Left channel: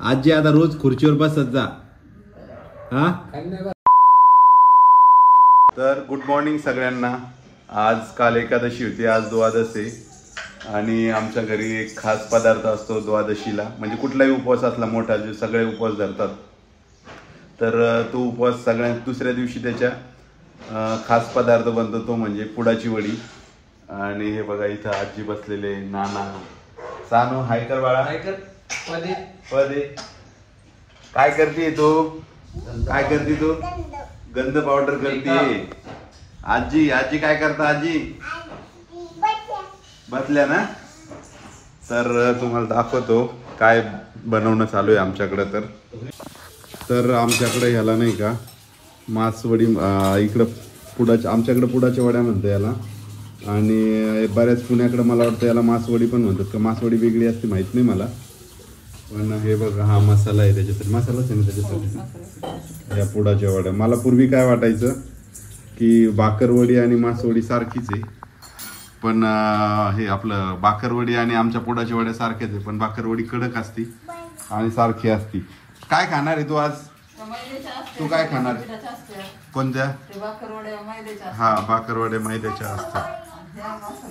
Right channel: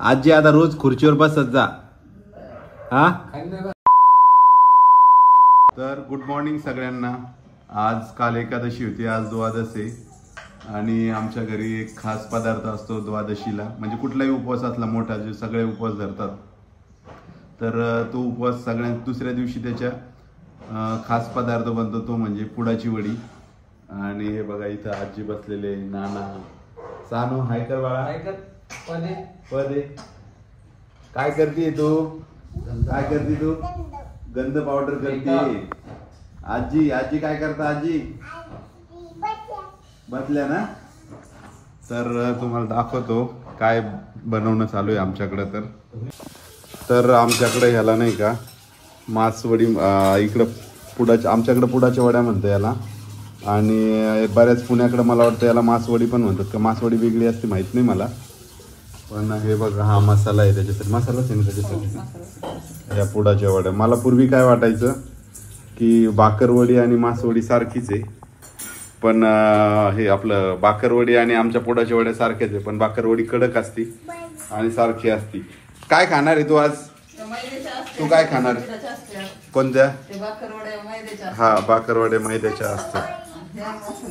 आजी आता रोज खुर्चीवर बसत जा हा. तर गुड मॉर्निंग सगळ्यांना. आज काल एकादशी होती, आज द्वादश आहे आणि आमच्या घरी एक खास पदार्थ असतो द्वादशीला. म्हणजे कुठलाही उपवास असला मोठा, जे सगळे उपवास धरतात, तर तो उपवास सगळ्यात दुसऱ्या दिवशी त्याच्या खास पदार्थ बनतो, तो म्हणजे पुडाची वडी. आणि हे बघा इथं आजी बसलेले, नाना, सानू हाय कर बाळा, पदे पदे काय करते तो, काय करते तो, गंध पावडर करते. आजी आजी काय करता, आजी बसल्या ना. तर तुम्हाला दाखवतो काय बनवणं चालू आहे आमच्याकडे. तर आमच्याकडे ह्याला नाही का मासवडी, इकडं पुडाच्या, आमच्याकडे पुडाच्या वड्या म्हणतो याला. आणि बऱ्याच पुण्याकडे मला वाटतं याला मासवडी पण म्हणतात का, मासवडी वेगळी असते माहित नाही मला. पण हे बघा हा मसाला आहे, त्याच्यासाठी मसालाच आहे ना त्याच्यासाठी या पुडाच्या वड्या. मला पूर्वी काय वाटायचं की बाकरवडी आणि मासवडी सारखीच आहे, पण हे आपलं बाकरवडी आणि आमच्या पुडाच्या वड्या सारख्याच आहे, पण बाकरवडी कडक असती आणि सारखी असती. काय खाणार आहे तू आज, तू काय खाणार आहे, कोणत्या? हा बाकरवड्या मैद्याच्या असतात.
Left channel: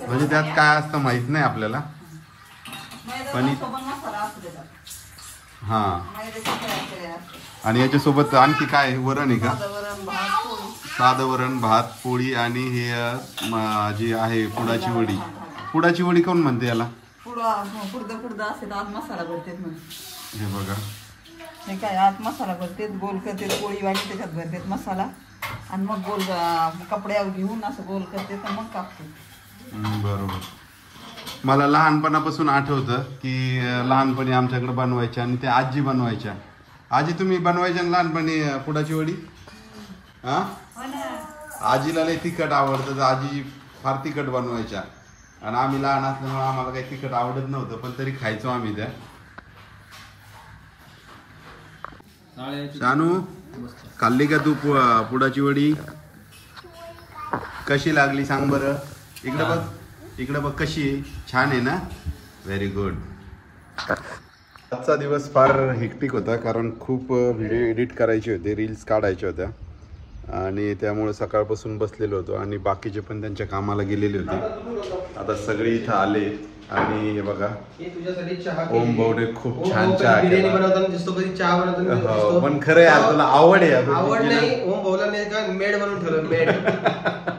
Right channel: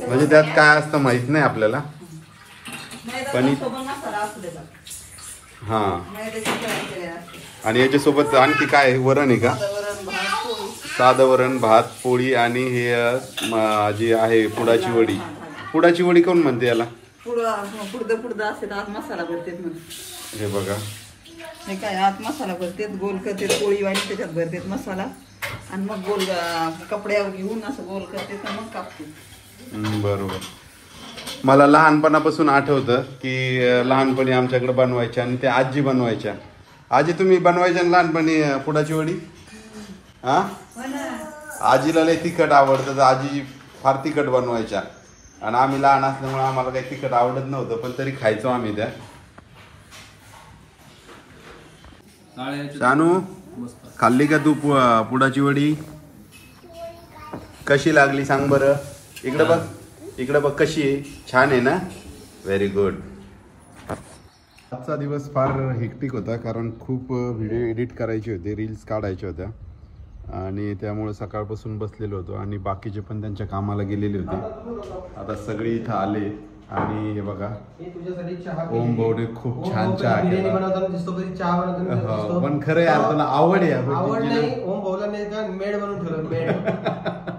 म्हणजे त्यात काय असतं माहित नाही आपल्याला, पण हा. आणि याच्यासोबत आणखी काय वरण आहे का, साधं वरण भात पोळी आणि हे जी आहे पुडाची वडी. पुडाची वडी कोण म्हणते याला, हे बघा हे काय आत मसाला भरतेत, गोल करतेत, पोळी वाटी त्याच्यात भरतेत मसाला आणि मग गोल कपड्यावर घेऊन असं गोल करतेत मग कापते. बरोबर. मला लहानपणापासून आठवतं की लहानपणी आमच्याकडे बनवायच्या आणि त्या आजी बनवायच्या. आजी तुम्ही बनवायच्या लहानपणी पुडाची वडी? हा, आजीला लय तिखट आवडतं, तर आजी फार तिखट बनवायच्या आणि आम्ही लहान असल्यामुळे आम्हाला काही तिखट आवडत नव्हतं, पण तरी खायचो आम्ही त्या. शानू खाल्ली का तू पुडाची वडी? कशी लागली सांग बरं. इकडे बघ, इकडे बघ कशी आहे, छान आहे ना. Very good. आजचा दिवस फार हेक्टिक होता, कारण खूप व्हिडिओ एडिट करायचे होते, रील्स काढायच्या होत्या आणि त्यामुळे सकाळपासून बसलेलो होतो आणि बाकीचे पण त्यांच्या कामाला गेलेले होते. आता सगळे इथं आले आणि हे बघा ओम भाऊने खूप छान चहा केला. पण खरं यार तुला आवड आहे, आवड नाही. ओम भाऊला नाही का मेड बनवून ठेवलं,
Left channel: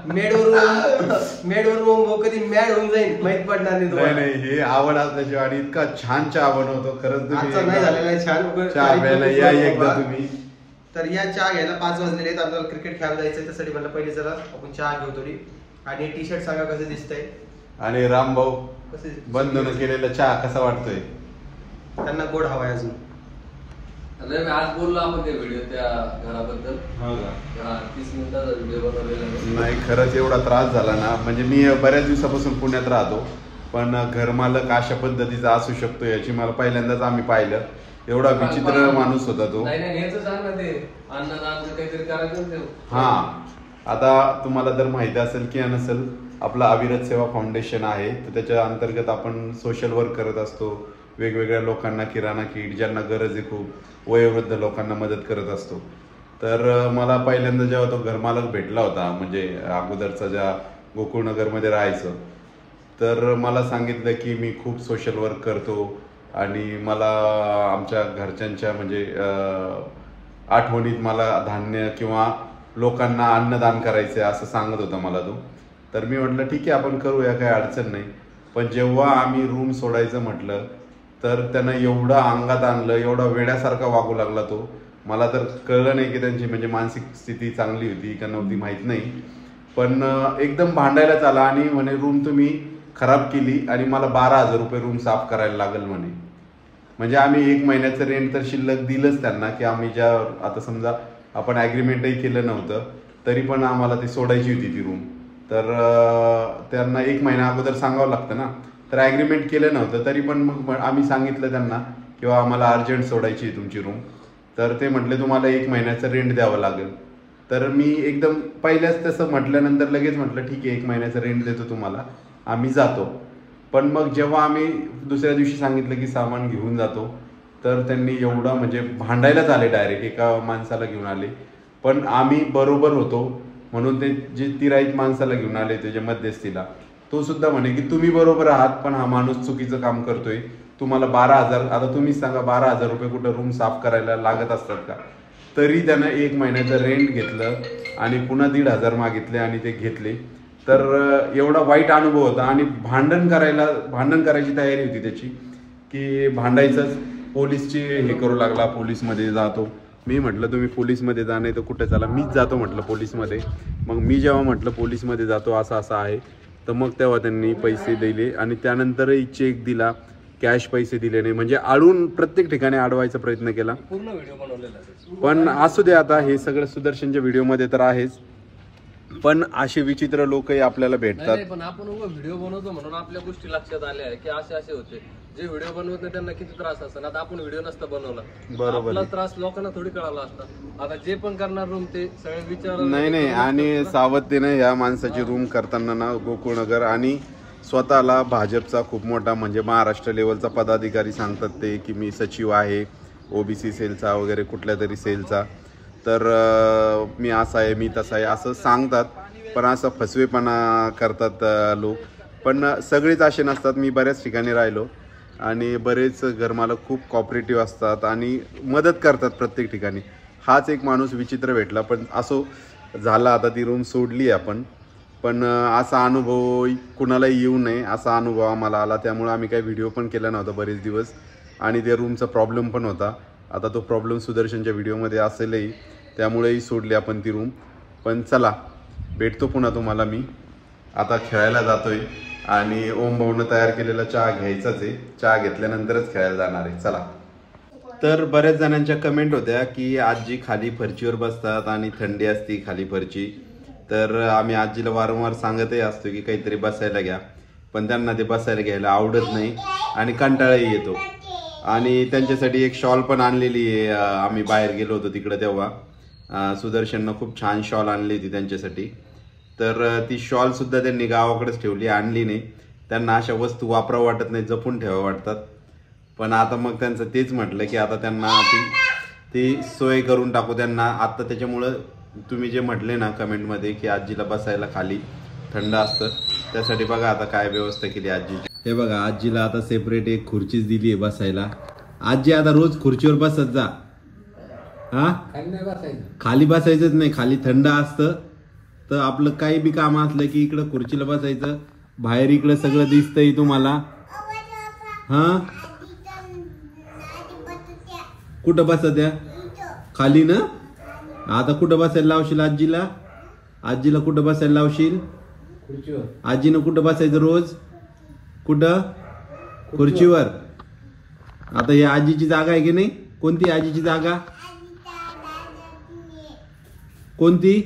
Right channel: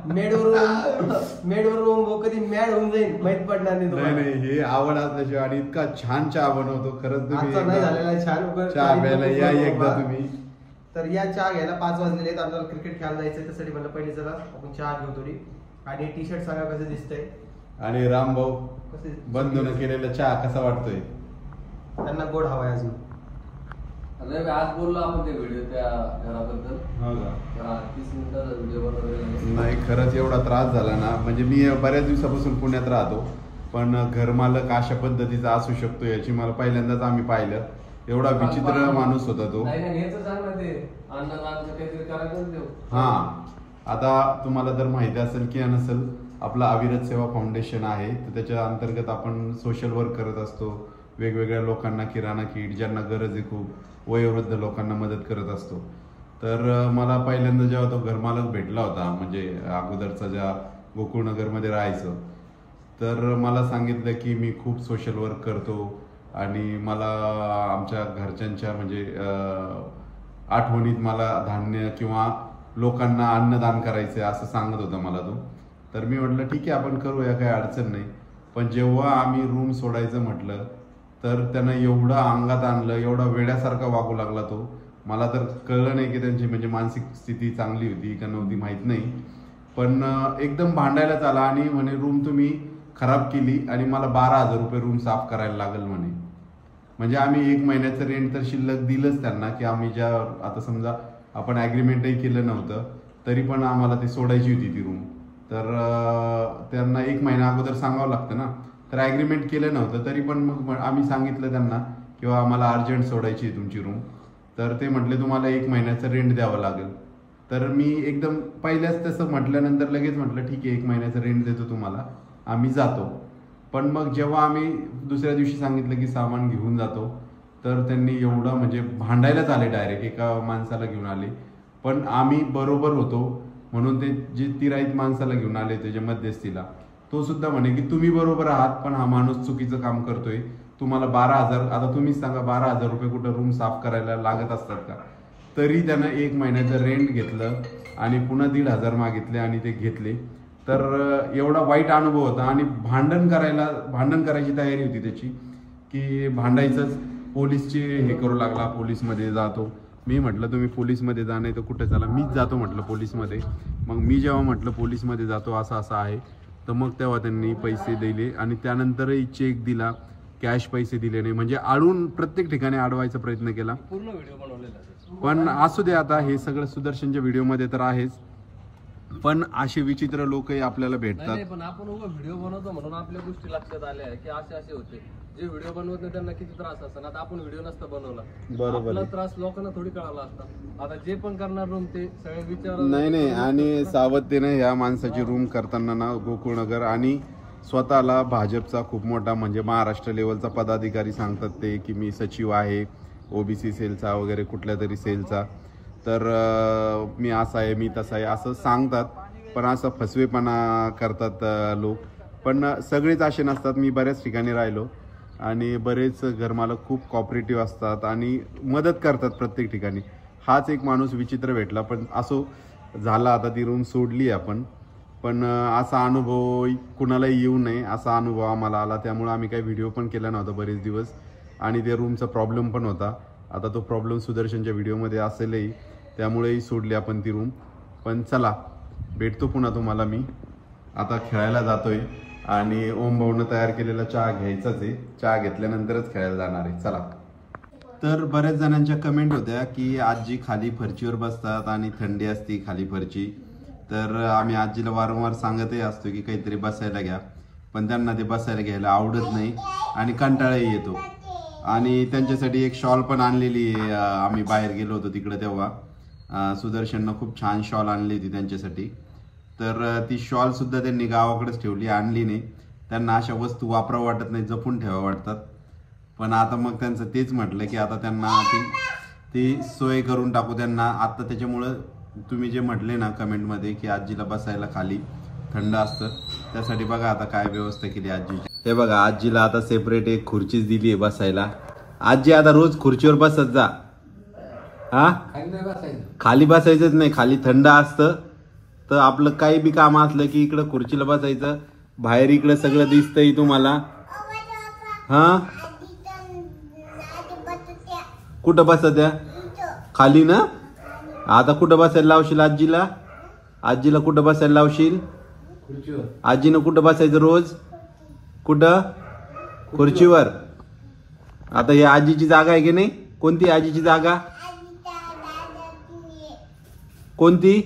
मेडवरून ओम भाऊ कधी मॅड होऊन जाईल माहित पडणार नाही तुम्हाला. नाही हे आवड असल्याची आणि इतका छान चहा बनवतो खरंच. आजचा नाही झालेला आहे छान चहा प्यायला या एकदा तुम्ही. तर या चहा घ्यायला 5 वाजलेले आहेत, आपल्याला क्रिकेट खेळायला जायचं, त्यासाठी मला पहिले जरा आपण चहा घेऊ थोडी. आणि टी शर्ट सांगा कसं दिसतंय. आणि राम भाऊ बंधन केलेला चहा कसा वाटतोय? त्यांना गोड हवाय अजून. आज बोललो आपण त्या व्हिडिओ त्या घराबद्दल. 30 मिनिटाचा व्हिडिओ बनवलेला. नाही खरंच एवढा त्रास झाला ना, म्हणजे मी बऱ्याच दिवसापासून पुण्यात राहतो, पण घरमालक अशा पद्धतीचा असू शकतो याची मला पहिल्यांदाच आम्ही पाहिलं. एवढा विचित्र माणूस होता तो. हा, आता तुम्हाला जर माहिती असेल की नसेल, आपलं अविरत सेवा फाउंडेशन आहे, तर त्याच्या अंतर्गत आपण सोशल वर्क करत असतो. वेगवेगळ्या लोकांना किराणा किट, ज्यांना गरज आहे खूप वयोवृद्ध लोकांना मदत करत असतो. तर मला पहिल्यांदा जेव्हा तो घरमालक भेटला होता, म्हणजे अगोदरचा ज्या गोकुळनगरमध्ये राहायचं, तर मला सांगितलं की मी खूप सोशल वर्क करतो आणि मला आमच्या घरच्यांच्या म्हणजे आठवणीत मला धान्य किंवा लोकांना अन्नदान करायचं आहे असं सांगत होता मला तो. तर मी म्हटलं ठीक आहे आपण करूया, काही अडचण नाही. पण जेव्हा आम्ही रूम सोडायचं म्हटलं तर त्यांना एवढं अंगात आणलं, एवढा वेड्यासारखा वागू लागला तो. मला तर कळलं नाही की त्यांची म्हणजे मानसिक स्थिती चांगली होती का नव्हती माहीत नाही, पण एकदम भांडायलाच आला आणि म्हणे रूम तुम्ही खराब केली आणि मला 12,000 रुपये रूम साफ करायला लागेल म्हणे. म्हणजे आम्ही 1 महिन्याचं रेंट तर शिल्लक दिलंच त्यांना, की आम्ही ज्या आता समजा आपण ॲग्रीमेंटही केलं नव्हतं तरी पण आम्हाला ती सोडायची होती ती रूम. तर त्यांना 1 महिना अगोदर सांगावं लागतं ना. तर ॲग्रीमेंट केलं नव्हतं तरी पण मग आम्ही सांगितलं त्यांना किंवा आम्हाला अर्जंट सोडायची आहे तुमची रूम. तर ते म्हटले तुम्हाला 1 महिन्याचं रेंट द्यावं लागेल. तर मी एकदम पहिल्याच तसं म्हटल्यानंतर लगेच म्हटलं ठीक आहे 1 महिन्याचं रेंट देतो तुम्हाला, आम्ही जातो. पण मग जेव्हा आम्ही दुसऱ्या दिवशी सांगितलं की सामान घेऊन जातो, तर त्यांनी एवढं म्हणजे भांडायलाच आले, डायरेक्ट एका माणसाला घेऊन आले. पण आम्ही बरोबर होतो म्हणून ते जे तिराईत माणसाला घेऊन आले त्याच्या मध्यस्थीला, तो सुद्धा म्हणे की तुम्ही बरोबर आहात पण हा माणूस चुकीचं काम करतोय, तुम्हाला 12,000, आता तुम्हीच सांगा 12,000 रुपये कुठं रूम साफ करायला लागत असतात का? तरी त्यानं 1 महिन्याचं रेंट घेतलं आणि पुन्हा 1,500 मागितले आणि ते घेतले. तर एवढा वाईट अनुभव होता आणि भांडण करायची तयारी होती त्याची, की भांडायचंच, पोलीसची हे करू लागला, पोलीसमध्ये जातो. मी म्हटलं तुम्ही पोलीसमध्ये जा, नाही तर कुठे चला, मीच जातो म्हटलं पोलीसमध्ये. मग मी जेव्हा म्हटलं पोलीसमध्ये जातो असं आहे, तर मग तेव्हा त्यांनी पैसे दिले आणि त्यानंतरही चेक दिला, कॅश पैसे दिले नाही, म्हणजे आळून प्रत्येक ठिकाणी अडवायचा प्रयत्न केला. पूर्ण व्हिडिओ बनवलेला. पण असू दे, आता हे सगळं सुदर्शनच्या व्हिडिओमध्ये तर आहेच, पण असे विचित्र लोकही आपल्याला भेटतात. पण आपण व्हिडिओ बनवतो म्हणून आपल्या गोष्टी लक्षात आल्या की असे होते. जे व्हिडिओ बनवत नाही त्यांना किती त्रास असतो. आता आपण व्हिडिओ नसता बनवला, आपला त्रास लोकांना थोडी कळाला असता. आता जे पण करणार रूम ते सगळे विचार नाही. आणि सावधतेनं ह्या माणसाची रूम करताना ना, गोकुळनगर आणि स्वतःला भाजपचा खूप मोठा म्हणजे महाराष्ट्र लेवलचा पदाधिकारी सांगतात ते, की मी सचिव आहे ओबीसी सेलचा वगैरे कुठल्या तरी सेलचा, तर मी असा आहे, मी तसा आहे असं सांगतात. पण असं फसवेपणा करतात लोक. पण सगळेच असे नसतात. मी बऱ्याच ठिकाणी राहिलो आणि बरेच घरमालक खूप कॉपरेटिव्ह असतात आणि मदत करतात प्रत्येक ठिकाणी. हाच एक माणूस विचित्र भेटला, पण असो झाला, आता ती रूम सोडली आपण. पण असा अनुभव कुणालाही येऊ नये असा अनुभव आम्हाला आला, त्यामुळे आम्ही काही व्हिडिओ पण केला नव्हता बरेच दिवस. आणि त्या रूमचा प्रॉब्लेम पण होता. आता तो प्रॉब्लेम सुदर्शनच्या व्हिडिओमध्ये असेलही, त्यामुळेही सोडली आपण ती रूम. पण चला, भेटतो पुन्हा तुम्हाला. मी आता खेळायला जातोय आणि ओम भाऊनं तयार केलेला चहा घ्यायचाच आहे. चहा घेतल्यानंतरच खेळायला जाणार आहे. चला. तर बऱ्याच जणांच्या कमेंट होत्या की आजी खाली फरचीवर बसतात आणि थंडी असती खाली फरची. तर आम्ही आजीला वारंवार सांगतही असतो की काहीतरी बसायला घ्या, पण त्यांना ते बसायला घ्यायला आवडत नाही आणि कंटाळाही येतो. आणि त्यांच्यासाठी एक शॉल पण आणलेली आहे. आम्ही बाहेर गेलो होतो तिकडे तेव्हा सुदर्शननं खूप छान शॉल आणली होती त्यांच्यासाठी. तर ती शॉल सुद्धा त्यांनी गावाकडेच ठेवली, आणली नाही. त्यांना अशा वस्तू वापरावं वाटत नाही, जपून ठेवावं वाटतात. पण आता मग त्यांचं तेच म्हटलं की आता त्यांना ती सोय करून टाकू त्यांना आता. त्याच्यामुळं तुम्ही जे म्हटले ना कमेंटमध्ये की आजीला बसायला खाली थंड असतं, त्यासाठी बघा आता काय व्यवस्था केली आजीची. हे बघा, आजीला आता सेपरेट एक खुर्चीच दिली आहे बसायला. आजी आता रोज खुर्चीवर बसत जा. हा, खाली बसायचंच नाही, खाली थंड असतं. तर आपलं काही बी काम असलं की इकडं खुर्चीला बसायचं. बाहेर इकडं सगळं दिसतंय तुम्हाला. हा, कुठं बसत्या? खाली ना. आता कुठं बसायला लावशील आजीला? आजीला कुठं बसायला लावशील? आजीनं कुठं बसायचं रोज? कुठं? खुर्चीवर. आता ही आजीची जागा आहे की नाही? कोणती आजीची जागा? कोणती?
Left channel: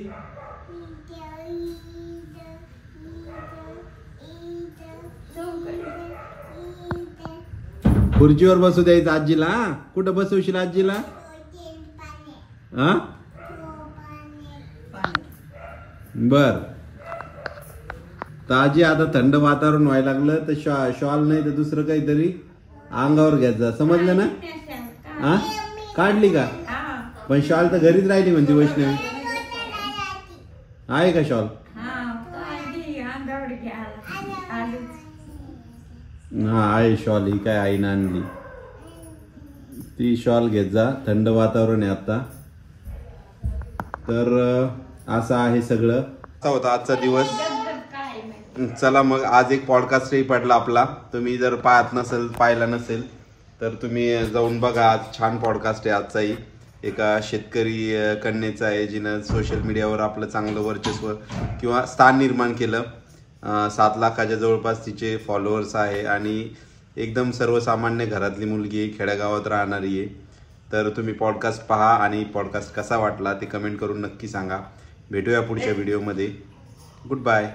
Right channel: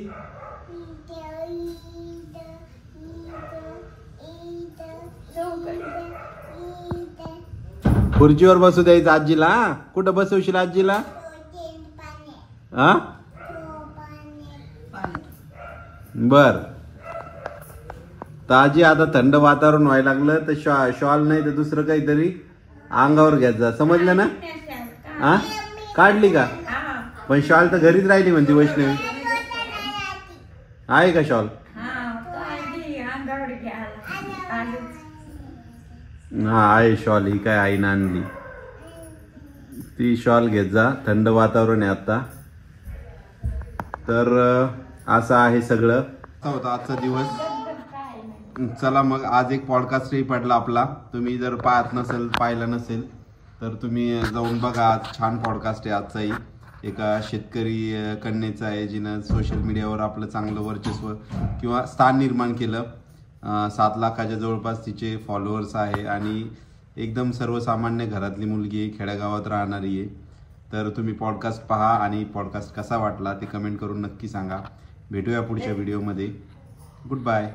खुर्चीवर बसू द्यायचं आजीला. कुठं बसवशील आजीला? हा, बर. तर आजी आता थंड वातावरण व्हायला लागलं तर शॉल नाही तर दुसरं काहीतरी अंगावर घ्यायचं जा, समजलं ना? हा, काढली का? पण शॉल तर घरीच राहिली म्हणते वैष्णवी. आहे का शॉल? हा आहे शॉल. ही काय आईनं आणली ती शॉल घेत जा, थंड वातावरण आहे आता. तर असं आहे सगळं. असा होता आजचा दिवस. चला मग, आज एक पॉडकास्टही पडला आपला. तुम्ही जर पाहिला नसेल तर तुम्ही जाऊन बघा. आज छान पॉडकास्ट आहे आजचाही. एका शेतकरी कन्येचा आहे जिनं सोशल मीडियावर आपलं चांगलं वर्चस्व किंवा स्थान निर्माण केलं. 7 लाखाच्या जवळपास तिचे फॉलोअर्स आहे आणि एकदम सर्वसामान्य घरातली मुलगी आहे, खेड्यागावात राहणारी आहे. तर तुम्ही पॉडकास्ट पहा आणि पॉडकास्ट कसा वाटला ते कमेंट करून नक्की सांगा. भेटूया पुढच्या व्हिडिओमध्ये. Good bye.